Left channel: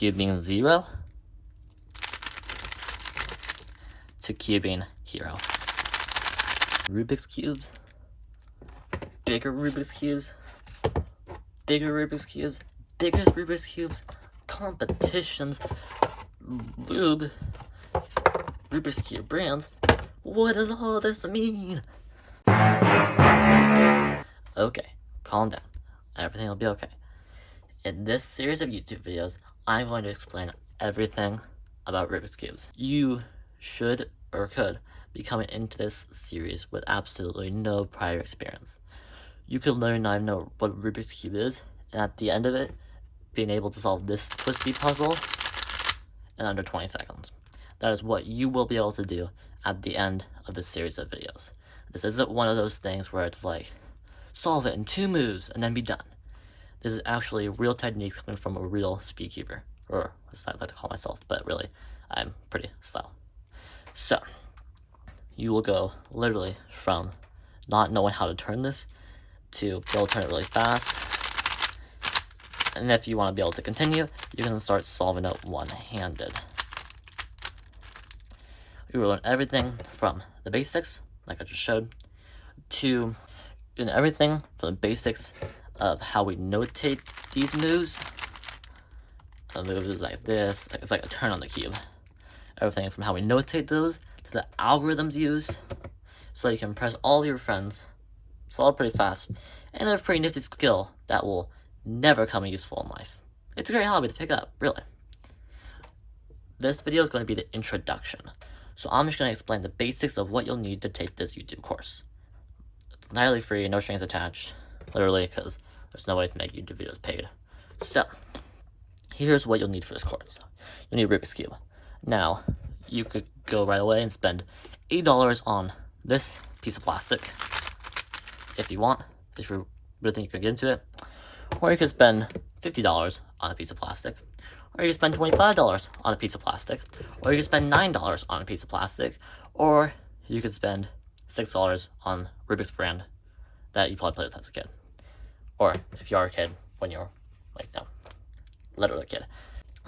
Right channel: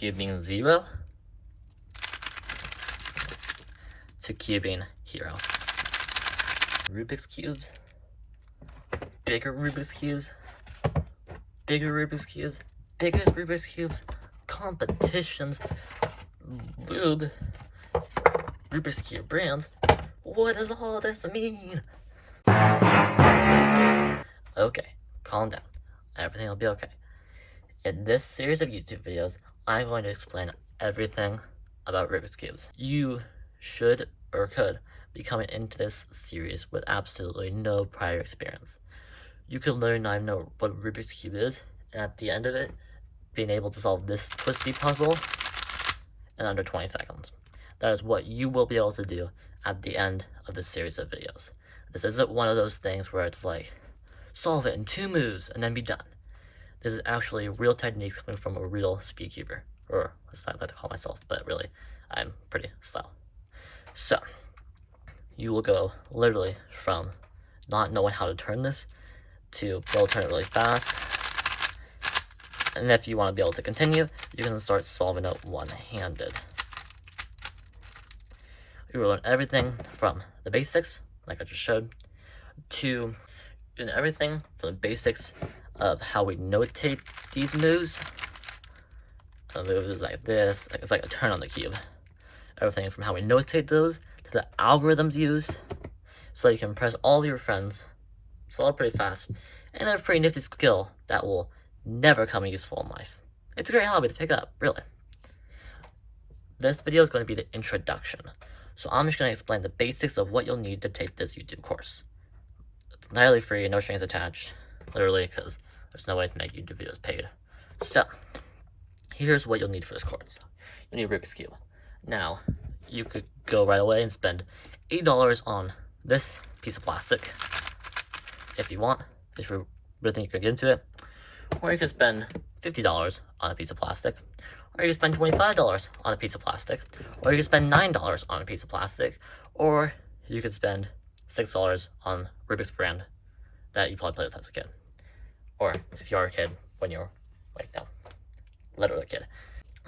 cubing 0 to cubing hero. Rubik's cubes, bigger Rubik's cubes, bigger Rubik's cubes, biggest Rubik's cubes, competitions, Rubik's cube brands. What does all this mean? Okay, calm down. Everything will be okay. In this series of YouTube videos, I'm going to explain everything about Rubik's cubes. You should or could be coming into this series with absolutely no prior experience. You could learn not even know what Rubik's cube is, and at the end of it, being able to solve this twisty puzzle in under 20 seconds. That is what you will be able to do at the end of this series of videos. This isn't one of those things where it's like, solve it in 2 moves and then be done. This is actually real techniques coming from a real speedcuber, or as I like to call myself, but really, I'm pretty slow. So, you will go literally from not knowing how to turn this to be able to turn it really fast. And if you want to be able to continue, you can start solving it one-handed. You will learn everything from the basics, like I just showed, to everything from the basics of how we notate these moves. The moves like this, it's like a turn on the cube. Everything from how we notate those to the algorithms used, so you can impress all your friends, solve pretty fast, and have a pretty nifty skill that will never come useful in life. It's a great hobby to pick up, really. This video is going to be the introduction, so I'm just going to explain the basics of what you'll need to take this YouTube course. It's entirely free, no strings attached, literally, because there's no way to make YouTube videos paid. So, here's what you'll need for this course. You'll need Rubik's Cube. Now, you could go right away and spend $8 on this piece of plastic, if you want, if you really think you can get into it. Or you could spend $50 on a piece of plastic. Or you could spend $25 on a piece of plastic. Or you could spend $9 on a piece of plastic. Or you could spend $6 on Rubik's brand that you probably played with as a kid. Or if you are a kid, when you're, like, no, literally a kid.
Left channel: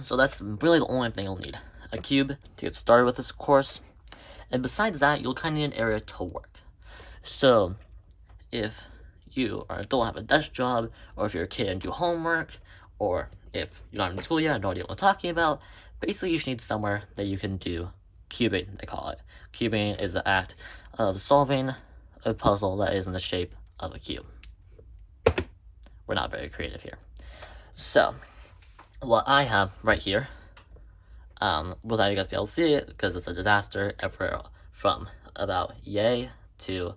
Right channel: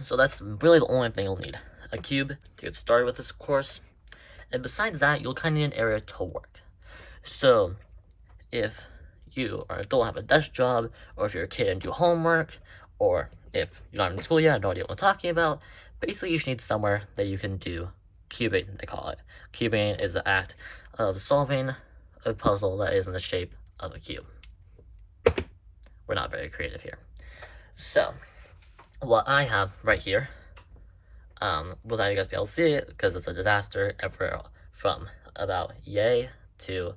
So that's really the only thing you'll need. A cube to get started with this course. And besides that, you'll kind of need an area to work. So, if you are an adult, have a desk job, or if you're a kid and do homework, or if you're not in school yet, I have no idea what I'm talking about, basically you just need somewhere that you can do cubing, they call it. Cubing is the act of solving a puzzle that is in the shape of a cube. We're not very creative here. So, what I have right here, without you guys be able to see it, because it's a disaster, from about yay to,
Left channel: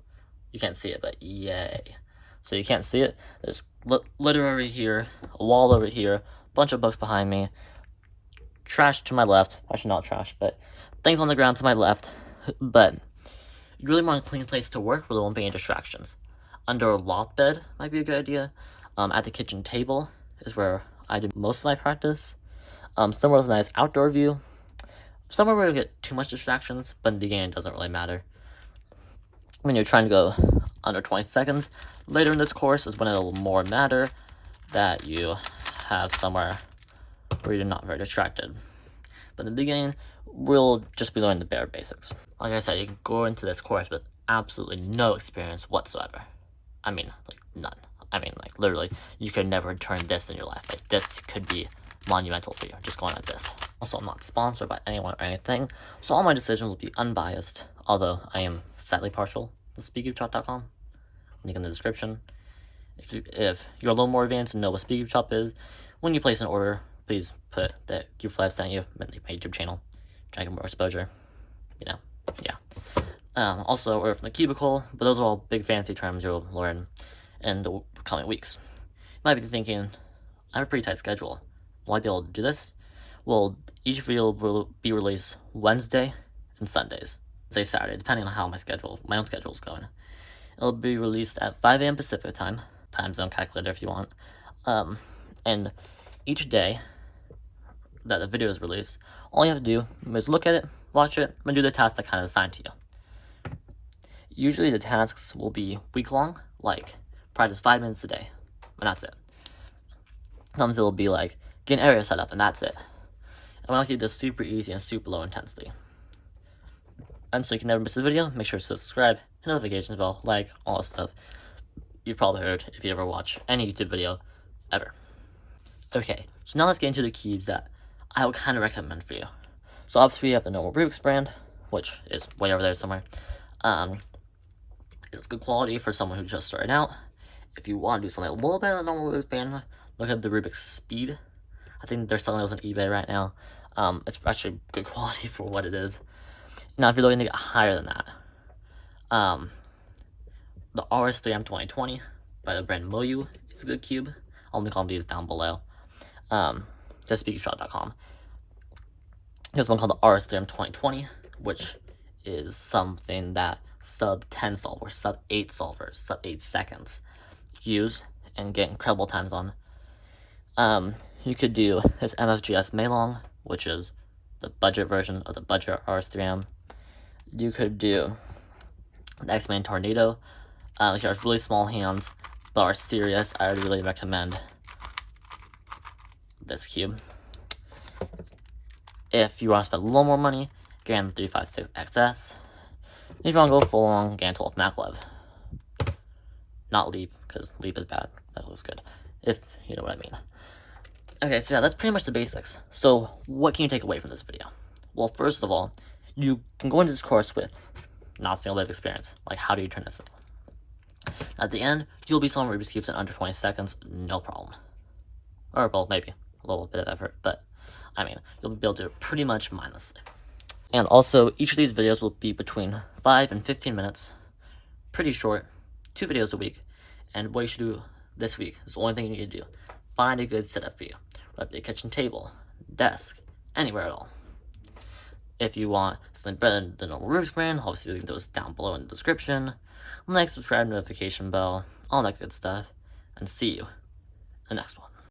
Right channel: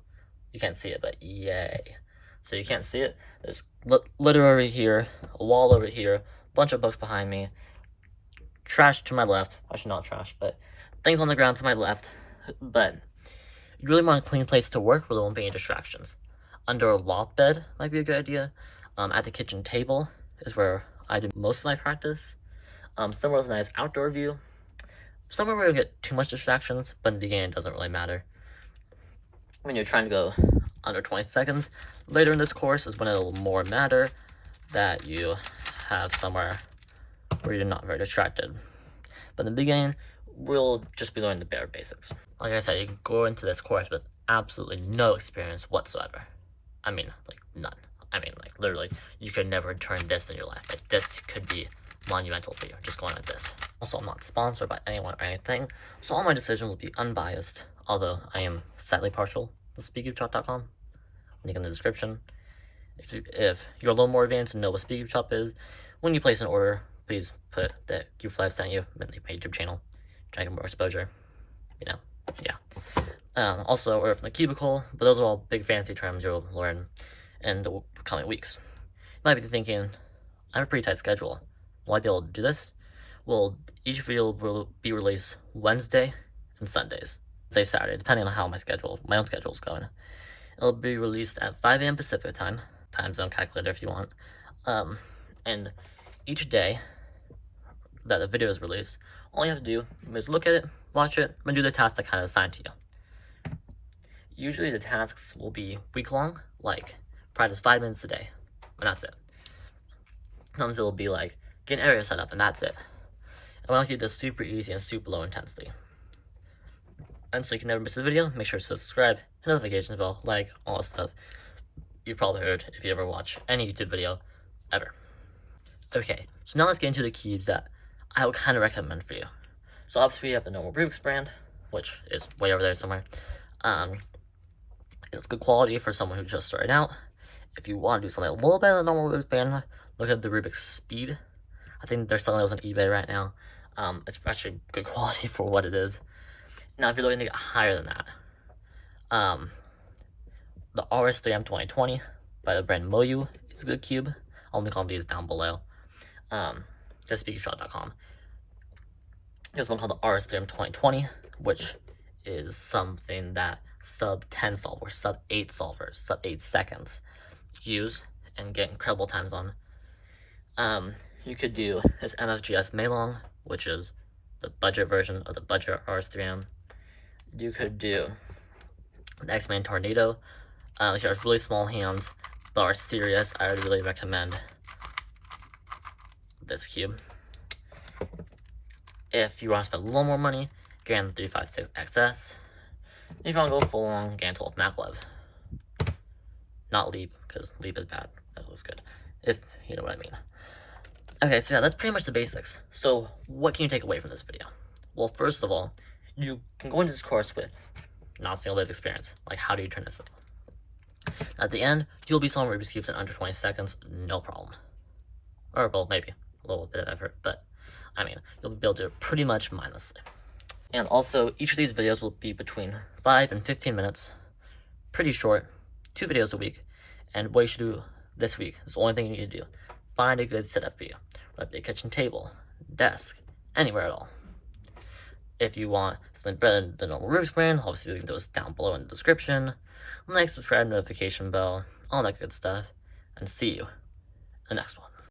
you can't see it, but yay. So you can't see it. There's litter over here, a wall over here, a bunch of books behind me, trash to my left, actually not trash, but things on the ground to my left. But you really want a clean place to work where there won't be any distractions. Under a loft bed might be a good idea. At the kitchen table is where I do most of my practice. Somewhere with a nice outdoor view. Somewhere where you don't get too much distractions, but in the beginning it doesn't really matter. When you're trying to go under 20 seconds, later in this course is when it'll more matter that you have somewhere where you're not very distracted. But in the beginning, we'll just be learning the bare basics. Like I said, you can go into this course with absolutely no experience whatsoever. I mean, like, none. I mean, like, literally, you could never turn this in your life. Like, this could be monumental for you, just going like this. Also, I'm not sponsored by anyone or anything, so all my decisions will be unbiased, although I am sadly partial to Speedcubeshop.com. Link in the description. If you're a little more advanced and know what Speedcubeshop is, when you place an order, please put that Cube5 sent you, my YouTube channel, try to get more exposure, you know, yeah. Also, order from the cubicle, but those are all big fancy terms you'll learn in the coming weeks. You might be thinking, I have a pretty tight schedule. Will I be able to do this? Well, each video will be released Wednesday and Sundays. Say Saturday, depending on how my own schedule is going. It'll be released at 5 a.m. Pacific time zone calculator if you want. And each day that the video is released, all you have to do is look at it, watch it, and do the tasks that kind of assigned to you. Usually the tasks will be week-long, like practice 5 minutes a day, and that's it. Sometimes it'll be like, get an area set up, and that's it. I want to keep this super easy and super low intensity. And so you can never miss a video, make sure to subscribe, hit notifications bell, like, all that stuff you've probably heard if you ever watch any YouTube video ever. Okay, so now let's get into the cubes that I would kind of recommend for you. So obviously we have the normal Rubik's brand, which is way over there somewhere. It's good quality for someone who's just starting out. If you want to do something a little better than the normal Rubik's brand, look at the Rubik's Speed. I think they're selling those on eBay right now. It's actually good quality for what it is. Now, if you're looking to get higher than that, the RS3M2020 by the brand Moyu is a good cube. I'll link all these down below. Just Speedcubeshop.com. There's one called the RS3M2020, which is something that sub 10 solvers, sub 8 solvers, sub 8 seconds use and get incredible times on. You could do this MFGS Meilong, which is the budget version of the budget RS3M. You could do the X-Man Tornado. If you have really small hands but are serious, I would really recommend this cube. If you want to spend a little more money, get the 356 XS. If you want to go full on, get 12 Maglev. Not Leap, because Leap is bad. That looks good. If you know what I mean. Okay, so yeah, that's pretty much the basics. So what can you take away from this video? Well, first of all, you can go into this course with not a single bit of experience. Like, how do you turn this thing? At the end, you'll be solving Rubik's Cubes in under 20 seconds, no problem. Or, well, maybe a little bit of effort, but I mean, you'll be able to do it pretty much mindlessly. And also, each of these videos will be between 5 and 15 minutes, pretty short, 2 videos a week. And what you should do this week is the only thing you need to do. Find a good setup for you, whether it be a kitchen table, desk, anywhere at all. If you want something better than the normal Rubik's brand, obviously link those down below in the description. Like, subscribe, notification bell, all that good stuff. And see you in the next one.